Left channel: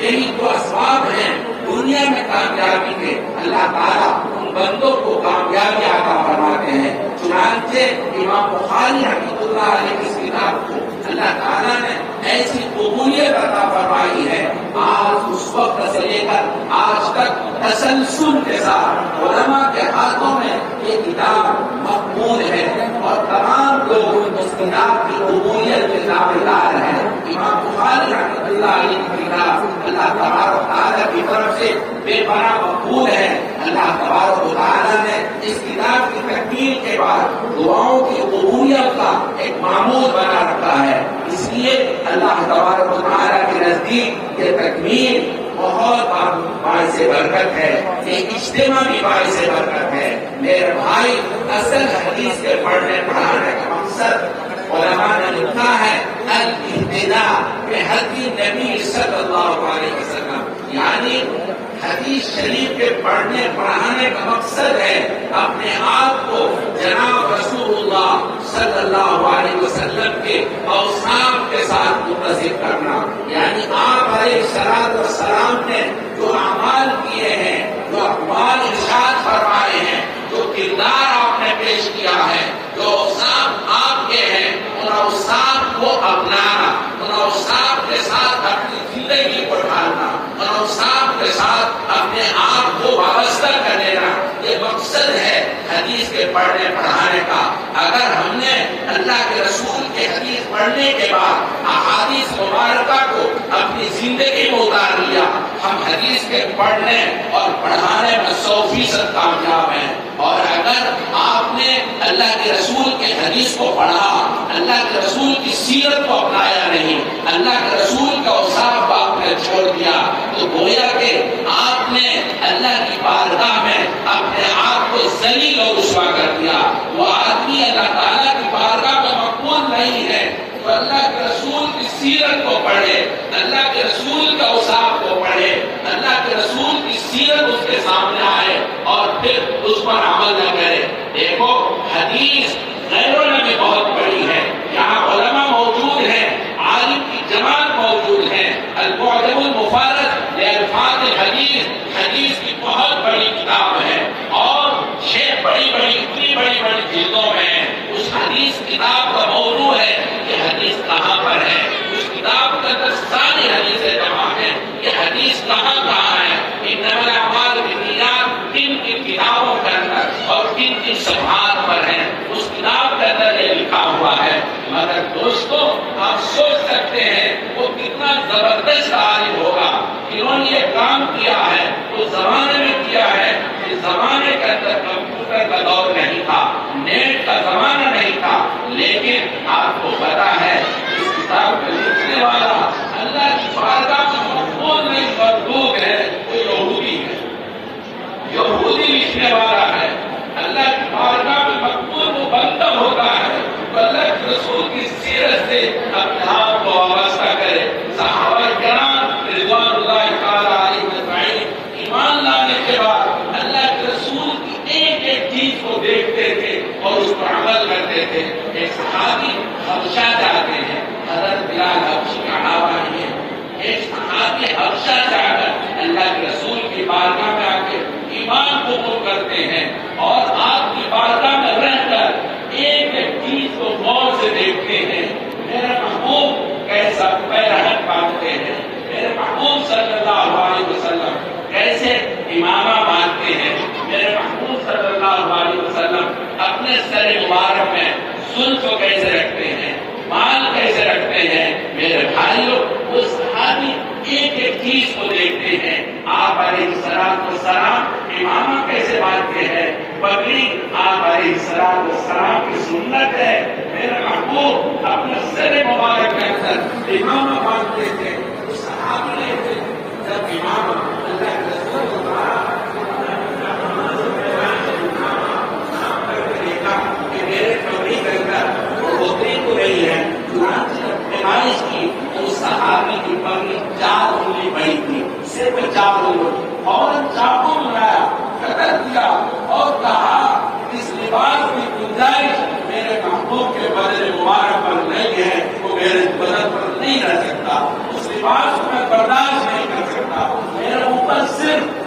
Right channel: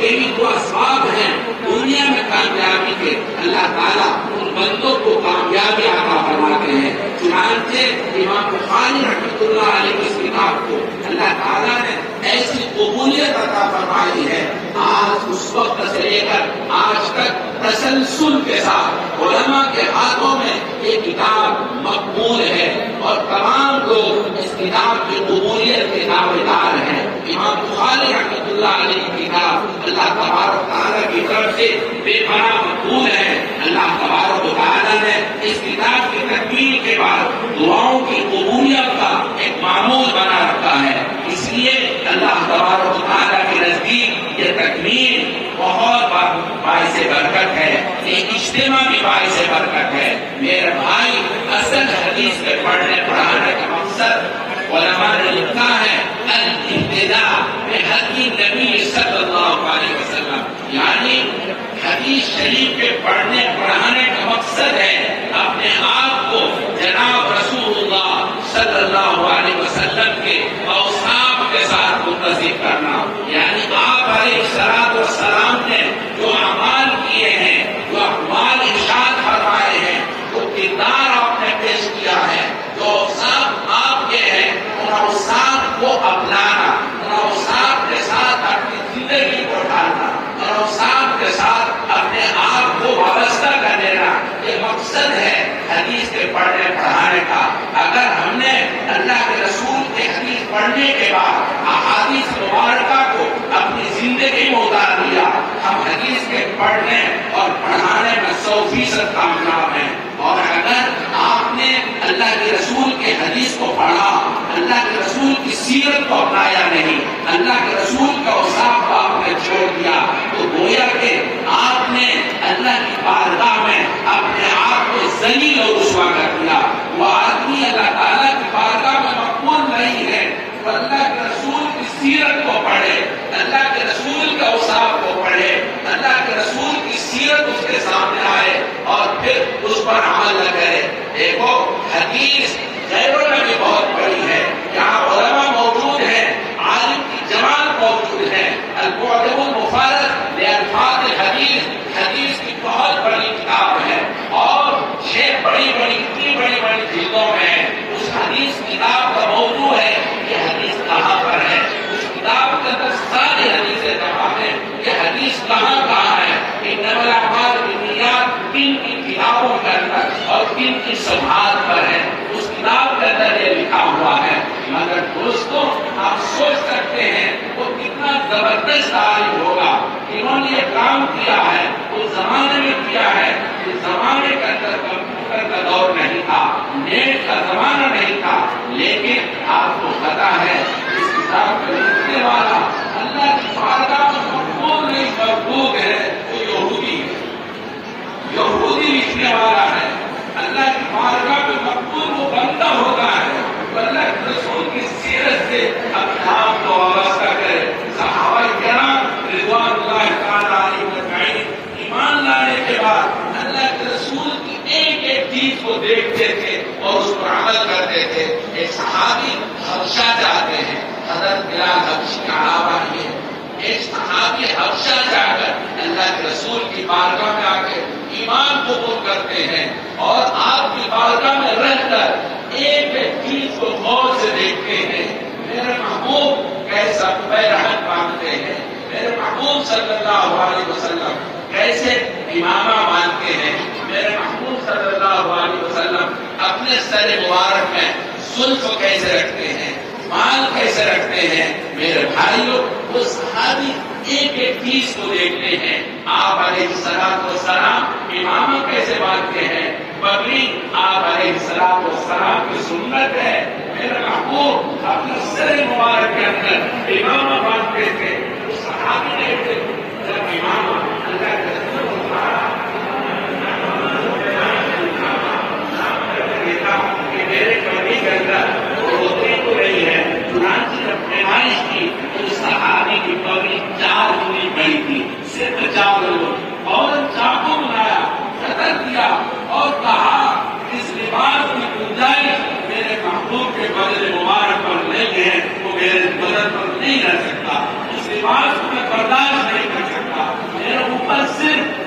یہی تو اسباب ہیں دنیا میں کامیابی کے، اللہ تعالیٰ ان بندوں کو کامیابی عطا فرماتے ہیں۔ چنانچہ امام بخاری رحمۃ اللہ علیہ کی اس کتاب کو اللہ تعالیٰ نے ایسی قبولیت عطا فرمائی ہے، آج اس وقت سے لے کر آج تک تسلسل کے ساتھ علماء کے ہاتھوں میں یہ کتاب مقبول ہے اور تمام لوگ اس کتاب کی قبولیت کے دعوے دار ہیں۔ امام بخاری رحمۃ اللہ علیہ کی کتاب اللہ تبارک و تعالیٰ کی طرف سے بے پناہ مقبول ہے۔ اللہ تبارک و تعالیٰ نے اس کتاب کی تکمیل کے بعد دعاؤں کی قبولیت کا ایک معمول بنا رکھا ہے، اس لیے اللہ تبارک و تعالیٰ کے نزدیک یہ تکمیل بہت باعث برکت ہے، یہ اجتماع بھی باعث برکت ہے۔ میرے بھائی، اصل حدیث کے پڑھنے پڑھانے کا مقصد علماء نے لکھا ہے الاہتداء بہدی نبی صلی اللہ علیہ وسلم، یعنی حدیث شریف کے پڑھنے پڑھانے کا مقصد ہے اپنے آپ کو جناب رسول اللہ صلی اللہ علیہ وسلم کے اوصاف کے ساتھ متصف کرنا، یعنی آپ علیہ السلام نے جو اعمال کیے ہیں، جو اقوال ارشاد فرمائے ہیں، جو کردار آپ نے پیش کیا ہے، جو اوصاف آپ کے ہیں، ان اوصاف کو اپنانا، ان اوصاف کے ساتھ اپنی زندگی کو ڈھالنا، ان اوصاف کے ساتھ اپنے آپ کو وابستہ کر لینا، یہ مقصد ہے حدیث کے پڑھنے پڑھانے کا۔ اگر ہم نے اللہ کے رسول کے حدیث پڑھنے کے بعد احادیث مبارکہ کو اپنی زندگی میں اتار لیا، ہم حدیث کے پڑھنے اور پڑھانے میں 100% کامیاب ہیں۔ اور اگر آپ نے اللہ کے رسول کے حدیث کو پڑھا، اللہ کے رسول کی سیرت کو اپنایا نہیں، اللہ کے رسول کا اوصاف کو آپ نے چھوڑ دیا، تو گویا کہ آپ نے اللہ کی بارگاہ میں اپنے آپ کو ذلیل اور رسوا کر دیا۔ وہ آدمی اللہ تعالیٰ کی بارگاہ میں مقبول نہیں ہے تو اللہ کے رسول کی سیرت کو پڑھے، اللہ کے رسول کے اوصاف کو پڑھے، اللہ کے رسول کی سیرت اس کے سامنے آئے اور پھر اس پر عمل نہ کرے۔ دیکھو، حدیث غیروں نے بھی بہت پڑھی ہے، یہاں علماء موجود ہیں، عالم کی جماعت موجود ہے، المعجم المفرد لالفاظ الحدیث، حدیث کی بہت بڑی کتاب ہے اور 6 بڑی بڑی جلدوں میں ہے۔ اس حدیث کتاب کا موضوع ہے کہ حدیث کہاں پر ہے، اس کتاب کے اندر ساری حدیثیں جمع ہیں، یہ حدیث کہاں ہے، انما الاعمال بالنیات کن کتابوں کے اندر اور کن صفحات پر ہے، اس کتاب کے اندر یہ لکھا ہوا ہے۔ مگر دوستوں، آپ سوچ سکتے ہیں وہ کتنا زبردست عالم ہوگا، انہوں نے یہ کام کیا ہے، اس زمانے میں کیا ہے، اس زمانے کے اندر کمپیوٹر کا دور نہیں تھا، نیٹ کا زمانہ نہیں تھا، لیکن آپ کو پتا ہے اس کتاب کو لکھنے والا اللہ کی بارگاہ میں مقبول نہیں مردود ہے، وہ یہودی ہے، یہودی لکھنے والا ہے، اللہ کی بارگاہ میں مقبول وہ بندہ ہوتا ہے، تو اللہ کے رسول کی سیرت سے اپنے آپ کو وابستہ کرے۔ صحابہ کرام رضوان اللہ تعالیٰ علیہ اجمعین ایمان لانے کے بعد اللہ کے رسول کی ایک ایک چیز کو دیکھتے تھے اور اس پر عمل کرتے تھے۔ ایک صحابی حبشہ جاتے ہیں، حضرت بلال حبشی کا نام ہے، ایک صحابی حبشہ جا کر اللہ کے رسول کی بارگاہ میں آ کے ایمان قبول کرتے ہیں اور آپ کی بارگاہ میں رہ کر ایک ایک چیز کو غور سے دیکھتے ہیں۔ میرے محبوب کیسا پیرہن باندھتے ہیں، میرے محبوب صلی اللہ علیہ وسلم کیسے امامہ باندھتے ہیں، میرے محبوب صلی اللہ علیہ وسلم اپنے سر مبارک میں زلف کیسے رکھتے ہیں، بال کیسے رکھتے ہیں۔ میرے بھائیوں، وہ صحابی ایک ایک چیز کو دیکھتے ہیں۔ آپ علیہ السلام امامہ کیسے باندھتے ہیں، پگڑی آپ علیہ السلام کی سنت ہے۔ میرے محبوب اپنے سر مبارک کے اندر امامہ باندھتے تھے۔ اس صحابی نے جب امامہ اللہ کے رسول کہ میرے پگڑی کے اندر روٹی تو نہیں ہے، پیمائش کی اس صحابی کی پگڑی 4 انگلی بڑی تھی، صرف 4 انگلی، اور چاقو بنایا، قتل کیا اور کہا اس لباس کی گنجائش محبوب کے بدن مبارک پر نہیں ہے، وہ میرے بدن پر نہیں رہ سکتا، اس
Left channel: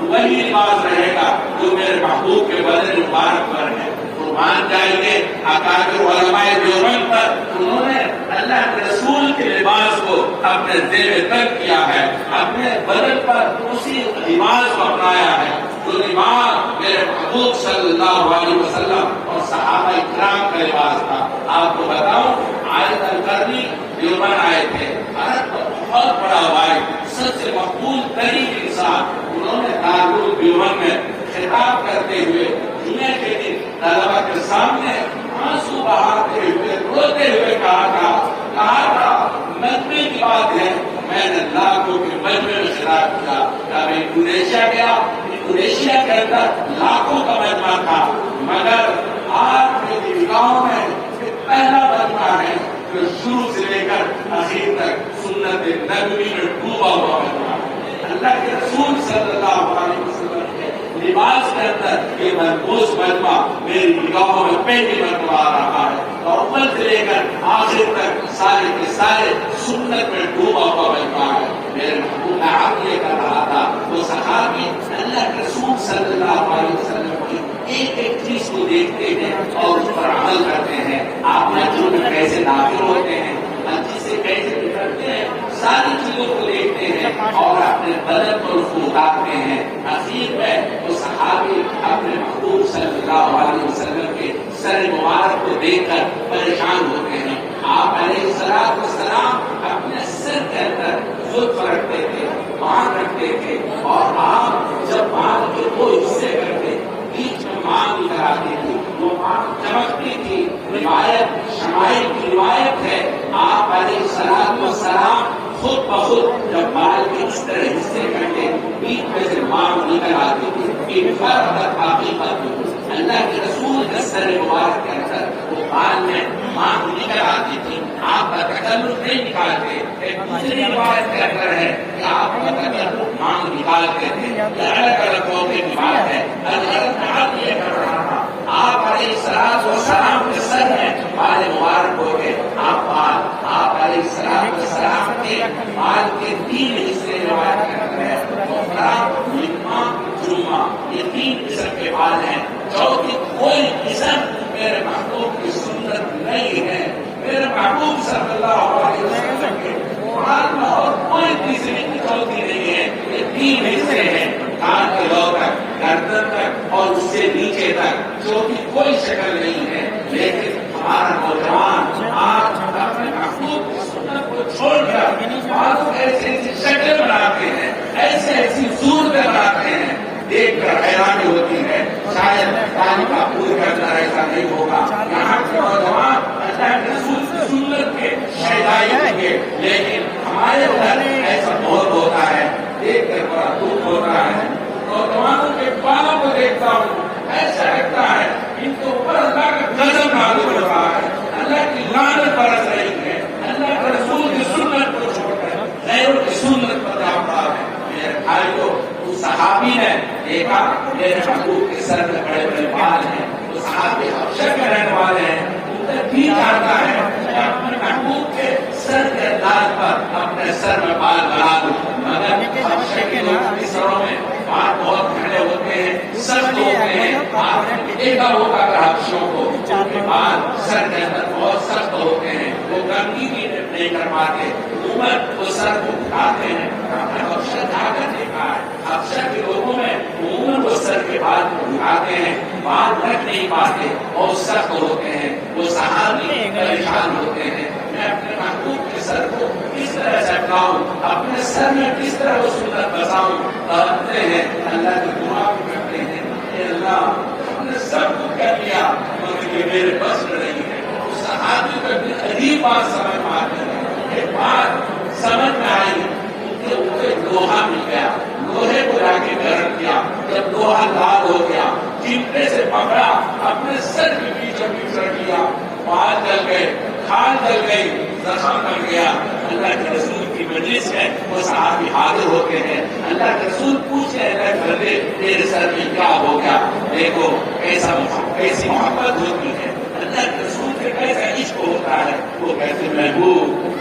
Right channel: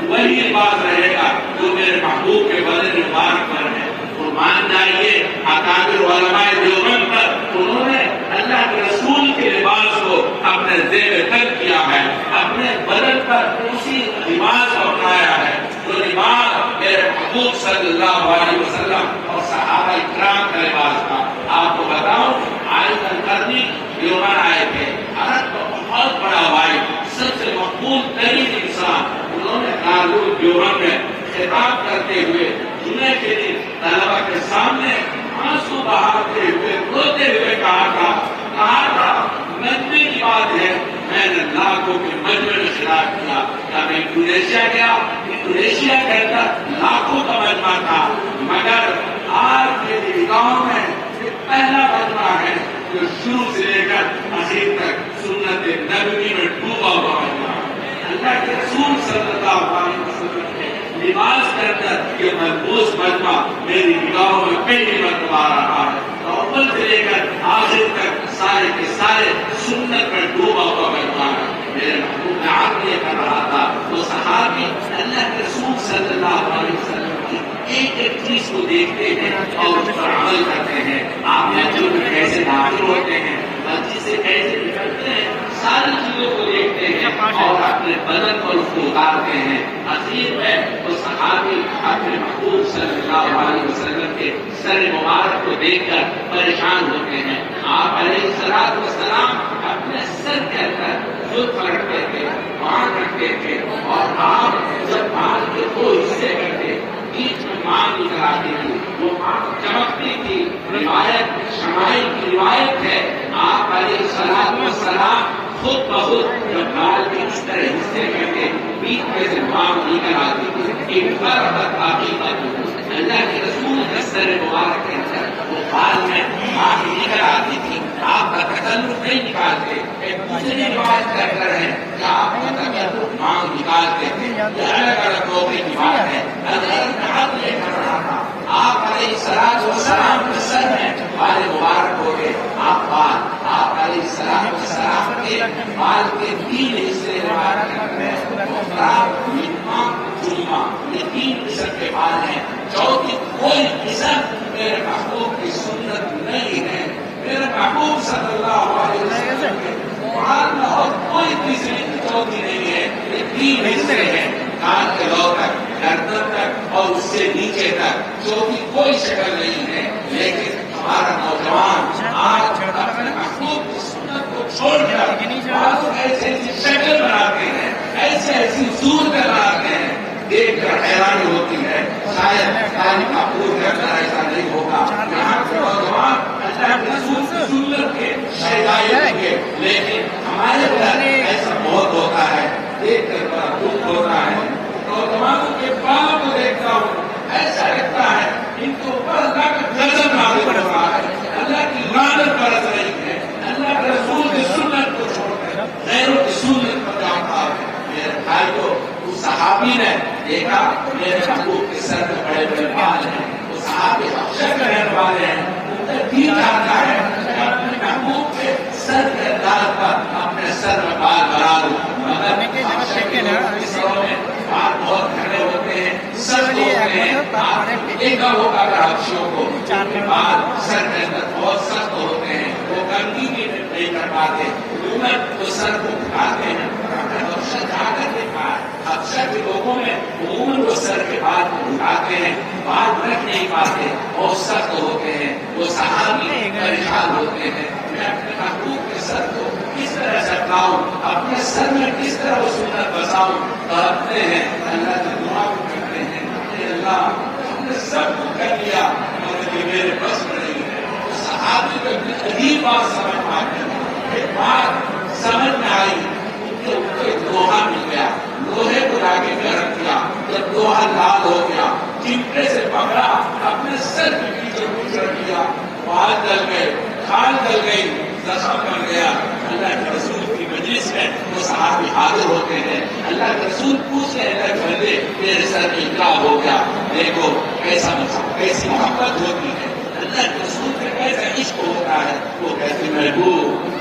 وہی لباس رہے گا جو میرے محبوب کے بدن مبارک پر ہے. مان جائیے اکابر علماء دیوبند پر انہوں نے اللہ کے رسول کے لباس کو اپنے زیر تن کیا ہے, اپنے بدن پر اسی لباس کو اپنایا ہے جو لباس میرے محبوب صلی اللہ علیہ وسلم اور صحابہ اکرام کا لباس تھا. آپ کو بتاؤں عائد القرنی دیوبند آئے تھے, عرب کا بہت بڑا واحد, سب سے مقبول ترین انسان. انہوں نے دارالعلوم دیوبند میں خطاب کرتے ہوئے جمعے کے دن طلبا کے سامنے آنسو بہاتے ہوئے روتے ہوئے کہا تھا مجمع کی بات ہے, میں نے لاکھوں کے مجمع میں خطاب کیا. کیا میں انڈونیشیا گیا, انڈونیشیا کے اندر لاکھوں کا مجمع تھا, مگر آج میری نگاہوں میں یہ پہلا مجمع ہے جو شروع سے لے کر آخر تک سنت نبوی میں ڈوبا ہوا مجمع. اللہ کے رسول صلی اللہ علیہ وسلم کے لباس کے اندر یہ محفوظ مجمع میری نگاہوں میں پہلی مرتبہ آ رہا ہے. اول سے لے کر آخر تک سارے کے سارے سنت میں ڈوبا ہوا مجمع ہے. میرے محبوب میں آپ یہ کر رہا تھا وہ صحابی اللہ کے رسول صلی اللہ علیہ وسلم کی ایک ایک چیز کو دیکھتے ہیں اور اس پر عمل کرتے ہیں. آپ مسجد میں کیسے داخل ہوتے ہیں, مسجد سے کیسے نکلتے ہیں, ساری چیزوں کو دیکھتے ہیں اور اپنے بدن پر اس کو اتارتے ہیں. اخیر میں وہ صحابی اپنے محبوب صلی اللہ علیہ وسلم کے سر مبارک کو دیکھ کر پریشان ہوتے ہیں. آپ علیہ الصلوۃ والسلام اپنے سر کے اندر زلف رکھتے تھے, بانگ رکھتے تھے, اور آپ جب بانگ کے دو حصے کرتے بیچ میں مانگ نکل آتی تھی, وہ مانگ چمکتی تھی. روایت شمائل کی روایت ہے آپ علیہ الصلوۃ والسلام خود بخود جب بال کے اس طرح حصے کرتے بیچ میں سے مانگ نکل آتی تھی. ایک حقیقت اللہ کے رسول کے سر مبارک کے اندر وہ بال میں مانگ نکل آتی تھی. آپ کا تکلف نہیں نکالتے. ایک دوسری روایت کہہ کر ہے کہ آپ کا تکلف مانگ نکالتے تھے. یہ الگ الگ ہونے کی بات ہے. اللہ تعالیٰ یہ کر رہا تھا آپ علیہ الصلوۃ والسلام کے سر میں بال مبارک ہو گئے. آپ علیہ الصلوۃ والسلام کے بال کے تین حصے یہ تین قسم کے بال ہیں. چوتھی کوئی قسم میرے محبوب کی سنت نہیں ہے. میرے محبوب صلی اللہ علیہ وسلم کے بال میں اور کوئی تیسری چوتھی نہیں ہے. یہ تین حصے ہیں, کان کے لو تک, گردن تک اور اس سے نیچے تک. چوتھی کوئی شکل نہیں ہے. لیکن ہمارا نوجوان آج اپنے محبوب کی سنت کو چھوڑ کر ایسی ایسی شکل بناتے ہیں, ایسی صورتیں بناتے ہیں, دیکھ کر حیرانی ہوتی ہے. شاید تعلیم کا پورا کرنا ایسا نہیں ہوگا. یہاں کے نوجوان اللہ کے رسول کی سنت کے شہدائی ہوں گے, لیکن ہمارے اندر ایسا بہت ہوتا ہے. دیکھ کر بڑا دکھ ہوتا ہے. نوجوانوں کے بالوں کو دیکھتا ہوں, ایسا لگتا ہے ان کے اوپر اللہ کا غضب نازل ہو رہا ہے, اللہ کی لعنت برس رہی ہے. اللہ کے رسول کی سنت کو چھوڑ کر غیروں کی سنت پر جاتا ہے. میرے بھائی کو اس صحابی نے دیکھا میرے محبوب کے سر میں بڑے بڑے بال ہیں. وہ صحابی حبشہ کے رہنے والے ہیں. ان کا دین چاہتا ہے اپنے محبوب کے سر کے انداز پر اپنے سر میں بال بنا دوں, مگر حبشہ کے لوگوں کے سروں میں بال بہت گھنے ہوتے ہیں, سخت ہوتے ہیں. آپ دیکھا ہوگا کہ حبشیوں کو بال سر کے اندر بہت سخت ہوتے ہیں, وہ گندگی نہیں کر پاتے. حکومت وہ سر کو اٹھاتے ہیں. حبشہ جا کر دیکھا ہے, حبشہ کے لوگوں میں عموماً وہ سر کے بال کو اٹھاتے ہیں, بال رکھ نہیں پاتے, بہت سخت ہوتے ہیں. وہ صحابی پریشان ہوتے ہیں میں اپنے محبوب کے سر کو کس طرح سے اٹھاؤں, اپنے سر میں کس طرح وہ سنت بساؤں. تڑپتے ہیں, اللہ سے دعا کرتے ہیں کہ اللہ ہم نے سب کچھ کر لیا مگر یہ میرے بس میں نہیں ہے. اس صحابی کو اپنی عجیب بات سمجھ میں آتی ہے. ایک بات سمجھ میں آئی کہ ان کو ایک لوہا مل گیا, لوہے کو لا کے گرم کیا. جب لوہا لال ہو گیا چمٹے سے پکڑا, اپنے سر کے بیچوں بیچ رکھ دیا. بال جل گئے, کھال جل گئی, زخم بن گیا. اللہ کے رسول کی مجلس میں وہ صحابی حاضر ہوتے ہیں. اللہ کے رسول پوچھتے ہیں بندے میرے سر میں کیا ہو گیا. دیکھو کیسی محبت ہوتی ہے, اللہ کے رسول سے کیسا عشق ہوتا ہے. وہ کہتے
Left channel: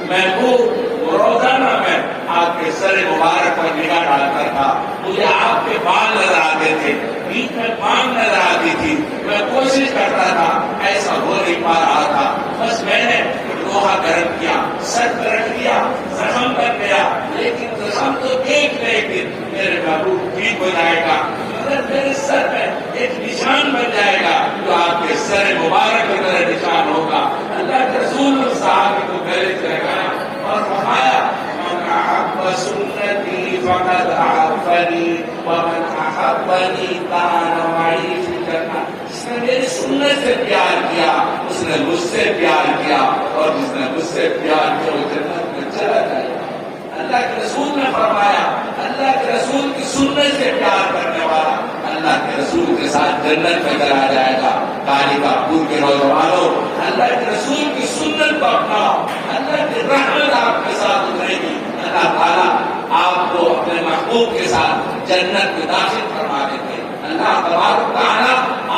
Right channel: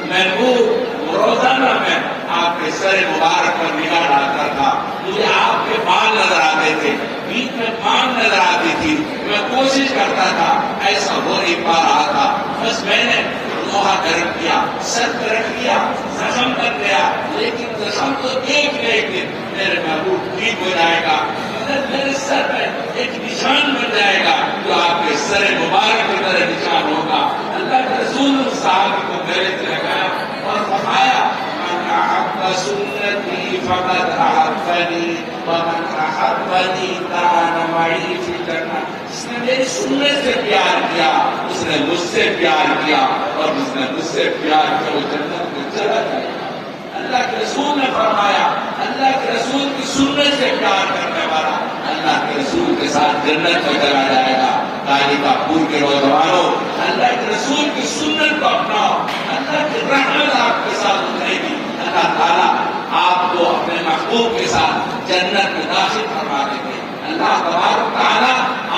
محبوب روزانہ میں آپ کے سر مبارک پر نگاہ ڈالتا تھا، مجھے آپ کے بال نظر آتے تھے، بیچ میں مانگ نظر آتی تھی، میں کوشش کرتا تھا، ایسا ہو نہیں پا رہا تھا، بس میں نے لوہا گرم کیا، سر رکھ لیا، زخم بن گیا، لیکن زخم تو ایک دن میرے محبوب ٹھیک ہو جائے گا، میرے سر میں ایک نشان بن جائے گا جو آپ کے سر مبارک کی طرح نشان ہوگا۔ اللہ کے رسول صحابہ کو گلے سے لگایا اور فرمایا من احب سنتی فقد احبنی ومن احبنی کان معی فی الجنہ، جس نے میری سنت سے پیار کیا اس نے مجھ سے پیار کیا، اور جس نے مجھ سے پیار کیا وہ جنت میں چلا جائے گا۔ اللہ کے رسول نے فرمایا اللہ کے رسول کی سنت سے پیار کرنے والا اللہ کے رسول کے ساتھ جنت میں چلا جائے گا۔ کالی کاپور کے نوجوانوں، اللہ کے رسول کی سنت کو اپناؤ، اللہ کی رحمت آپ کے ساتھ اترے گی، اللہ تعالیٰ آپ کو اپنے محبوب کے ساتھ جنت میں داخل فرما دیں گے، اللہ تبارک و تعالیٰ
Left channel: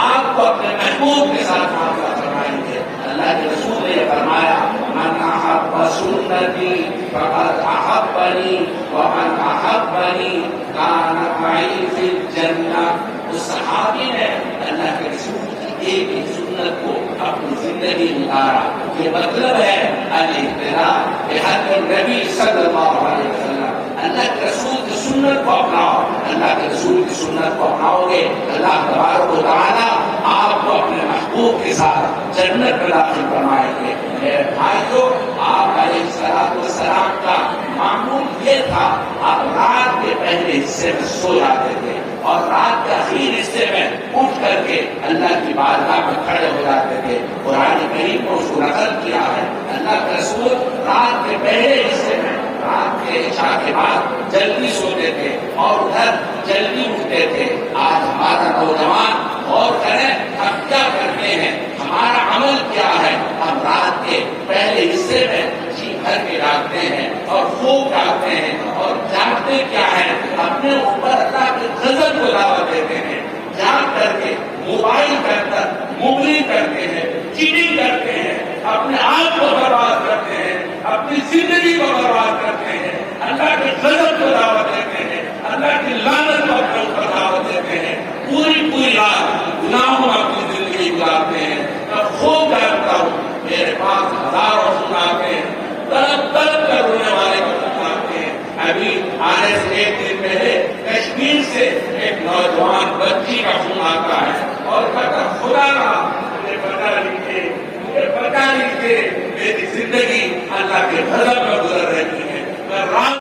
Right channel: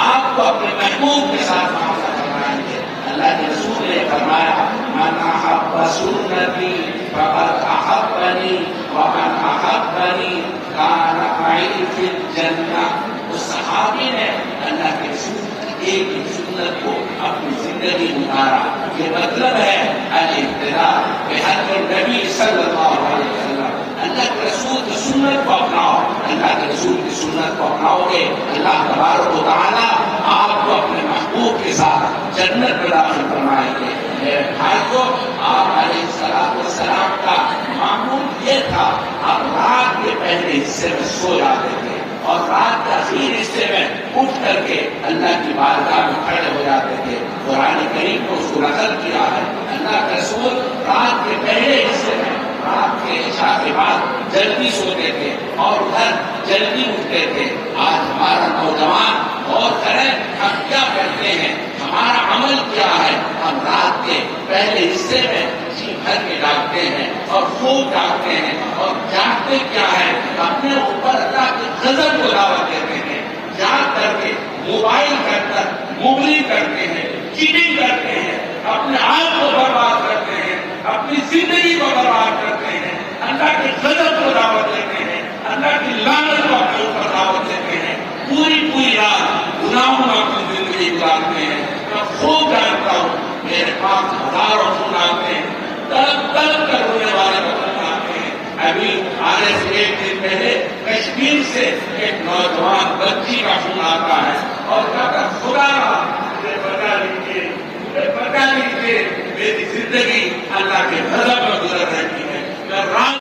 آپ کو اپنے محبوب کے ساتھ معاملہ فرمائیں گے۔ اللہ کے رسول نے فرمایا من احب سنتی فقد احبنی ومن احبنی کان معی فی الجنہ۔ اس صحابی نے اللہ کے رسول ایک سنت کو اپنی زندگی میں اتارا، یہ مطلب ہے الاقتداء بحد النبی صلی اللہ علیہ وسلم۔ اللہ کے رسول کی سنت کو اپناؤ، اللہ کے رسول کی سنت کو اپناؤ گے اللہ تبارک و تعالیٰ آپ کو اپنے محبوب کے ساتھ جنت میں داخل فرمائیں گے۔ میرے بھائیو، آپ علیہ السلام کا معمول یہ تھا، آپ رات کے پہلے حصے میں سو جاتے تھے اور رات کے آخری حصے میں اٹھ کر کے اللہ کی بارگاہ میں کھڑے ہو جاتے تھے۔ قرآن کریم کو اس کو نقل کیا ہے، اللہ کے رسول رات کے پہلے حصے میں رات کے عشاء کے بعد جلدی سوتے تھے اور ادھر جلدی اٹھتے تھے۔ آج ہمارا نوجوان غور کریں ہم کیا کرتے ہیں، ہمارا عمل کیا ہے، ہم رات کے پہلے حصے میں جی بھر کے جاگتے ہیں اور خوب جاگتے ہیں، اور جاگتے کیا ہے، اپنے اوپر اللہ کے غضب کو دعوت دیتے ہیں، جاگ کر کے موبائل کے اندر مغلی کرتے ہیں، چیٹنگ کرتے ہیں، اپنے آپ کو برباد کرتے ہیں، اپنی زندگی کو برباد کرتے ہیں، اللہ کے غضب کو دعوت دیتے ہیں، اللہ کی لعنت کو اپنے اوپر دعوت دیتے ہیں، پوری رات گناہوں میں اپنی زندگی گزارتے ہیں۔ میں خوب جانتا ہوں، میرے پاس ہزاروں فون آتے ہیں، تڑپ کر رونے والے وطن آتے ہیں۔ ابھی آنے سے ایک دن پہلے کشمیر سے ایک نوجوان بچی کا فون آتا ہے اور کہتا خدا مجھے بتا دیجیے میری زندگی اللہ کے غضب میں گزر رہی ہے، میں رات